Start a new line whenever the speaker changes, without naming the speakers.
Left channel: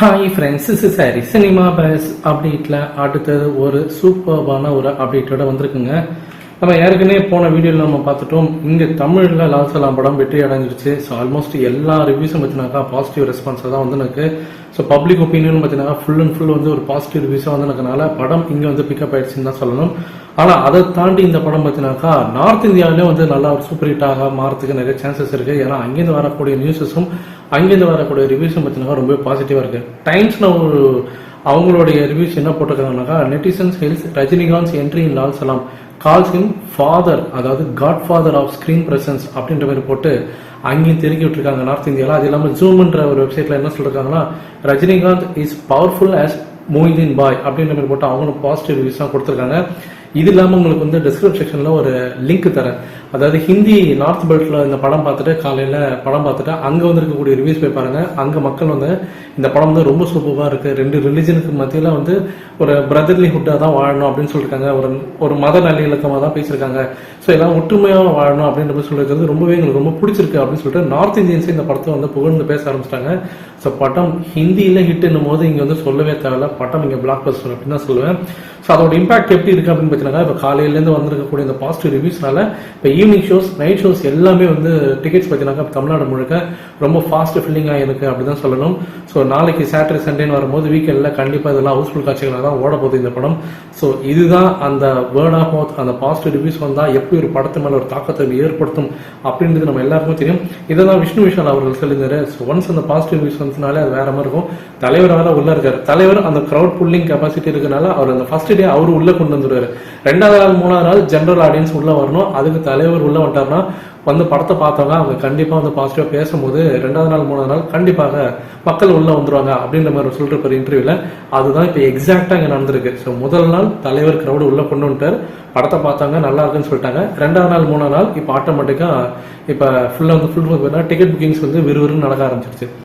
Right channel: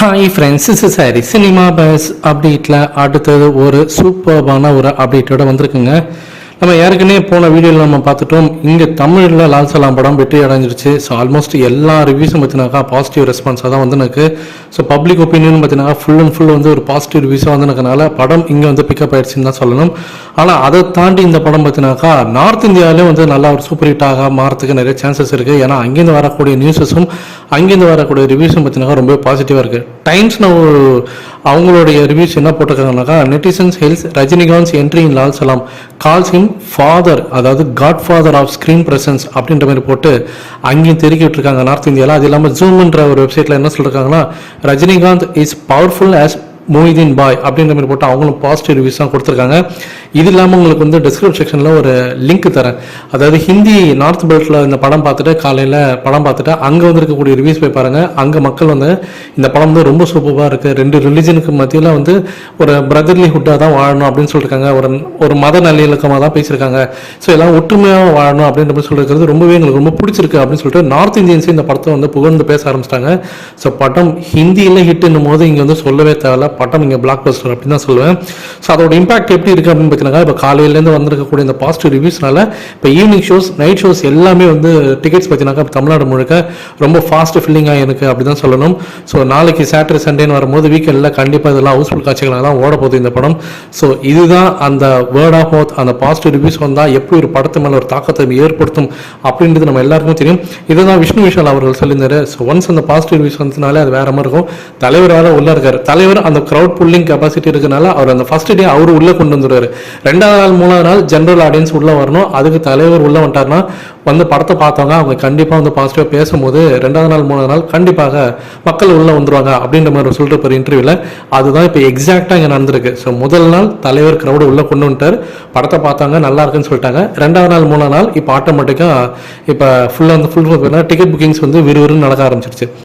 Hi friends is sorry cinema buzz அப்டேட்டில் அடுத்தது ஒரு சூப்பர்பான ஒரு அப்டேட்டோட வந்திருக்குங்க. நம்ம ஏற்கனவே போன வீடியோவில் நம்ம பார்த்துட்டோம். இங்கே தமிழில் லால்சலாம் படம் வெற்றி அடைஞ்சிருச்சு. ஸோ ஆல்மோஸ்ட் எல்லா ரிவ்யூஸும் பார்த்தினாக்கா பாசிட்டிவ் ரெஸ்பான்ஸாக தான் வந்துனுக்கு ஸோ பப்ளிக் ஒப்பீனியன் பார்த்தீங்கன்னா ஃபுல் அண்ட் ஃபுல் வந்து ஒரு பாசிட்டிவ் ரிவ்யூஸாக வந்து படம் இங்கே வந்து பிக்கப் ஆயிடுச்சுன்னு தான் சொல்லணும். ஆனால் அதை தாண்டி இந்த படம் பார்த்தினாக்கா நார்த் இந்தியாவிலே வந்து நல்லா ஒரு சூப்பர் ஹிட்டாக மாறத்துக்கு நிறைய சான்சஸ் இருக்குது ஏன்னா அங்கேருந்து வரக்கூடிய நியூஸஸும் அங்கேருந்து வரக்கூடிய ரிவ்யூஸும் பார்த்தீங்கன்னா ரொம்ப பாசிட்டிவாக இருக்குது டைம்ஸ் நான் அவங்களுடைய ரிவ்யூஸ் என்ன போட்டிருக்காங்கனாக்கா netizens hails Rajinikanth entry in Lal Salaam calls him father அதாவது godfather of screen presence அப்படின்ற மாதிரி போட்டு அங்கேயும் தெருக்கி விட்டுருக்காங்க நார்த் இந்தியாவில் அது இல்லாமல் ஜூம்ன்ற ஒரு வெப்சைட்டில் என்ன சொல்லியிருக்காங்கன்னா Rajinikanth is powerful as Moideen Bhai அப்படின்ற மாதிரி போட்டு அவங்களும் பாசிட்டிவ் ரிவ்யூஸ் தான் கொடுத்துருக்காங்க. இது இல்லாமல் உங்களுக்கு வந்து டிஸ்கிரிப்ஷன் செக்ஷனில் ஒரு லிங்க் தரேன். அதாவது ஹிந்தி நார்த் பெல்ட்டில் இந்த படம் பார்த்துட்டு காலையில் படம் பார்த்துட்டு அங்கே வந்துருக்கக்கூடிய ரிவ்யூஸ் போய் பாருங்கள் அங்கே மக்கள் வந்து இந்த படம் வந்து ரொம்ப சூப்பராக இருக்குது ரெண்டு ரிலிஜனுக்கு மத்தியில் வந்து ஒரு பிரதர்லிஹுட்டாக தான் வாழணும் அப்படின்னு சொல்லியிருக்காங்க ஒரு ஒரு மத நல்லிணக்கமாக தான் பேசியிருக்காங்க. ஸோ எல்லாம் ஒற்றுமையாக வாழணும் அப்படின்ற மாதிரி சொல்லியிருக்கிறது ரொம்பவே எங்களுக்கு ரொம்ப பிடிச்சிருக்கு அப்படின்னு சொல்லிட்டு நார்த் இந்தியன்ஸ் இந்த படத்தை வந்து புகழ்ந்து பேச ஆரம்பிச்சிட்டாங்க. ஸோ படம் ஹிந்தியில் ஹிட்டுன்னும் போது இங்கே வந்து சொல்லவே தேவை பட்டம் இங்கே பிளாக் பஸ்டர் அப்படின்னு தான் சொல்லுவேன். ஸோ அதோட இம்பாக்ட் எப்படி இருக்குது அப்படின்னு பார்த்தீங்கன்னா இப்போ காலையிலேருந்து வந்திருக்கக்கூடிய இந்த பாசிட்டிவ் ரிவ்யூஸ்னால இப்போ ஈவினிங் ஷோஸ் நைட் ஷோஸ் எல்லாமே வந்து டிக்கெட்ஸ் பார்த்தீங்கன்னாக்கா தமிழ்நாடு முழுக்க ரொம்ப ஃபாஸ்ட் ஃபில்லிங்காக இருக்குது அப்படி தான் சொல்லணும். ஸோ நாளைக்கு சாட்டர்டே சண்டேன்னு வரும்போது வீக்கெண்டில் கண்டிப்பாக இதெல்லாம் ஹவுஸ்ஃபுல் காட்சிகளாக தான் ஓட போகுது இந்த படம். ஸோ இதுதான் அந்த வேர்ட் ஆஃப் மவுத் அந்த பாசிட்டிவ் ரிவ்யூஸ் வந்தால் எப்படி ஒரு படத்து மேலே ஒரு தாக்கத்தை ஏற்படுத்தும் அப்படின்றது நம்ம எல்லாருக்கும் தெரியும். இதை தான் விஷ்ணு விஷால் அவர்கள் சொல்லியிருந்தாரு. ஸோ ஒன்ஸ் அந்த பாசிட்டிவ் ரிவ்யூஸ் வந்ததுனாலே அது வேற மாதிரி இருக்கும். தலைவர் உள்ளே இருக்கார். தலைவர் அந்த க்ரௌட் புல்லிங் கெப்பாசிட்டி இருக்கனால அவர் அந்த ஃபர்ஸ்ட் டே அவர் உள்ளே கொண்டு வந்துடுவார் ரெண்டாவது நாள் மூணாவது நாள் ஜென்ரல் ஆடியன்ஸ் உள்ளே வரணும். அதுக்கு தலைவர் உள்ளே வந்துட்டாருன்னா வந்து படத்தை பார்த்தவங்க அவங்க கண்டிப்பாக வந்து பாசிட்டிவாக பேசும்போது ரெண்டாவது நாள் மூணாவது நாள் கண்டிப்பாக மக்கள் உள்ளே வந்துருவாங்க அப்படின்ற மாதிரி சொல்லிட்டு ஒரு இன்டர்வியூவில் அதுதான் இப்போ எக்ஸாக்டாக இங்கே நடந்திருக்கு. ஸோ முதல் நாள் தலைவர் க்ரௌடு உள்ளே கொண்டு வந்துட்டார். படத்தை பார்த்தாங்க நல்லா இருக்குன்னு சொல்லிட்டாங்க. ரெண்டாவது நாள் மூணாவது நாள் இப்போ ஆட்டோமேட்டிக்காக இப்போ ஃபுல்லாக வந்து ஃபுல் டிக்கெட் புக்கிங்ஸ் வந்து விறுவிறுன்னு நடக்க ஆரம்பிச்சிருச்சு.